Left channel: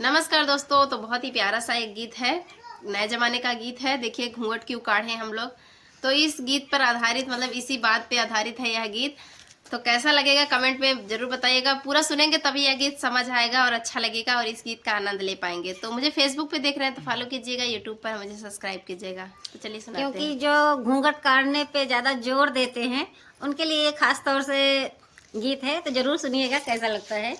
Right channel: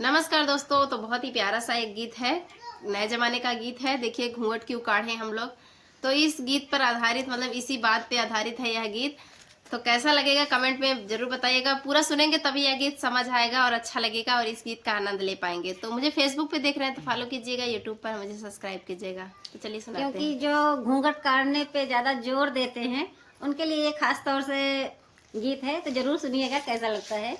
नमस्कार दोस्तों। तो बहुत ही प्यारा सा एक गीत है, नए जमाने का गीत है। देखिए घूंघट क्यों काढ़े हम लोग। तो इस गीत पर आधारित, मतलब इसी बात पे आधारित है यह गीत। तो कैसा लगेगा कमेंट में जरूर बताइएगा। पूरा सुनेंगे तभी यह गीत समझ आएगा और अच्छा लगेगा और इस गीत का आनंद ले पाएंगे। तो मुझे फेसबुक पे देख रहे हैं तो फॉलो कीजिएगा, यूट्यूब पर मुझे सब्सक्राइब कीजिएगा। तो चलिए सुनाते हैं। क्योंकि जो घूंघट काढ़ने पे ज्यादा जोर देते हैं उनके लिए ये खास तौर से गीत है, तो जरूर सुनिएगा कैसा लगता है।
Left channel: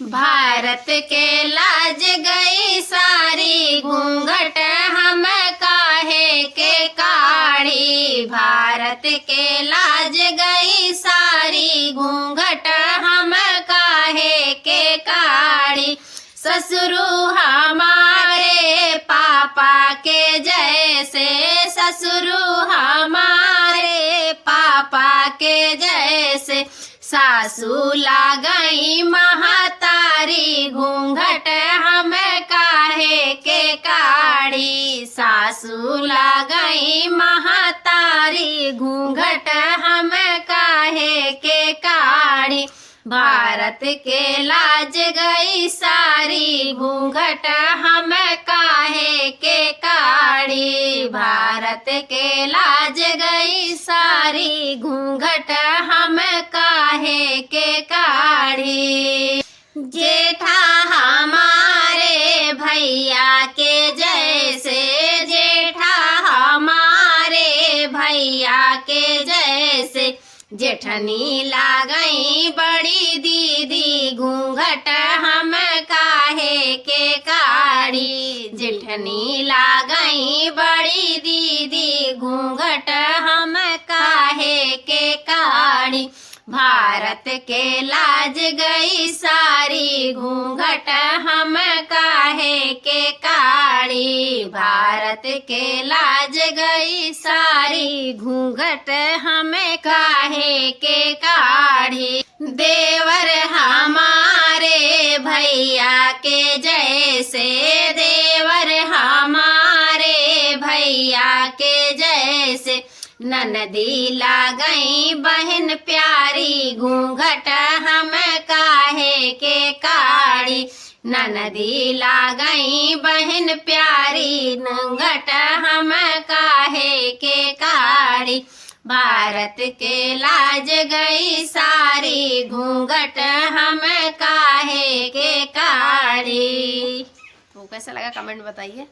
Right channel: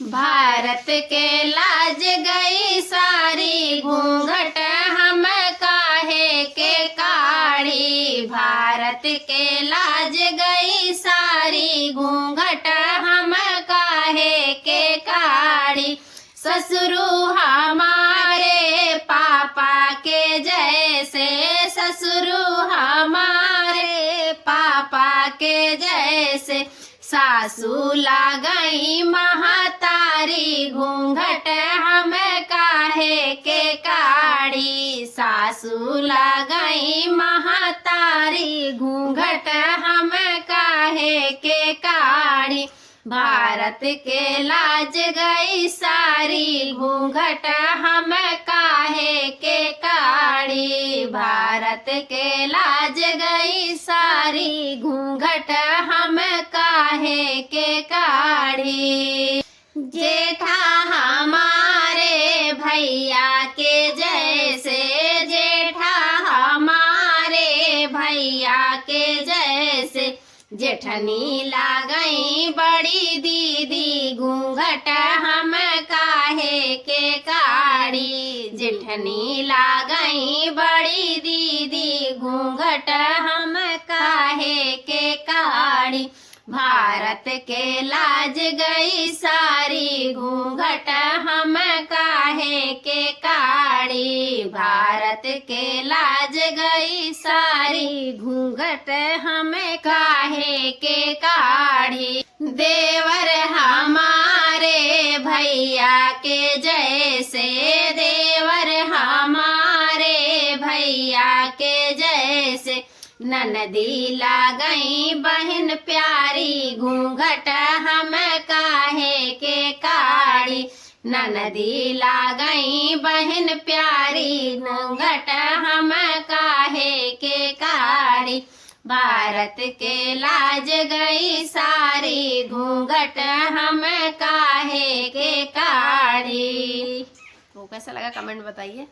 भारत के लाज गई सारी, घूंघट हम काहे के काढ़ी। भारत के लाज गई सारी, घूंघट हम काहे के काढ़ी। ससुरु हमारे पापा के जैसे, ससुरु हमारे पापा के जैसे। सासू लागई महतारी, घूंघट हम काहे के काढ़ी। सासू लागई महतारी, घूंघट हम काहे के काढ़ी। भारत के लाज गई सारी, घूंघट हम काहे के काढ़ी। भारत के लाज गई सारी, घूंघट हम काहे के काढ़ी। जेठा हमारे भैया के जैसे, जेठा हमारे भैया के जैसे। जेठनी लागई बड़ी दीदी, घूंघट हम काहे के काढ़ी। जेठनी लागई बड़ी दीदी, घूंघट हम काहे के काढ़ी। भारत के लाज गई सारी, घूंघट हम काहे के काढ़ी। भारत के लाज गई सारी, घूंघट हम काहे के काढ़ी। देवर हमारे भैया के जैसे, देवर हमारे भैया के जैसे। ननदी लागई बहन प्यारी, घूंघट हम काहे के काढ़ी। ननदी लागई बहन प्यारी, घूंघट हम काहे के काढ़ी। भारत के लाज गई सारी, घूंघट हम काहे के काढ़ी। तो कैसा लगा कमेंट बताइए।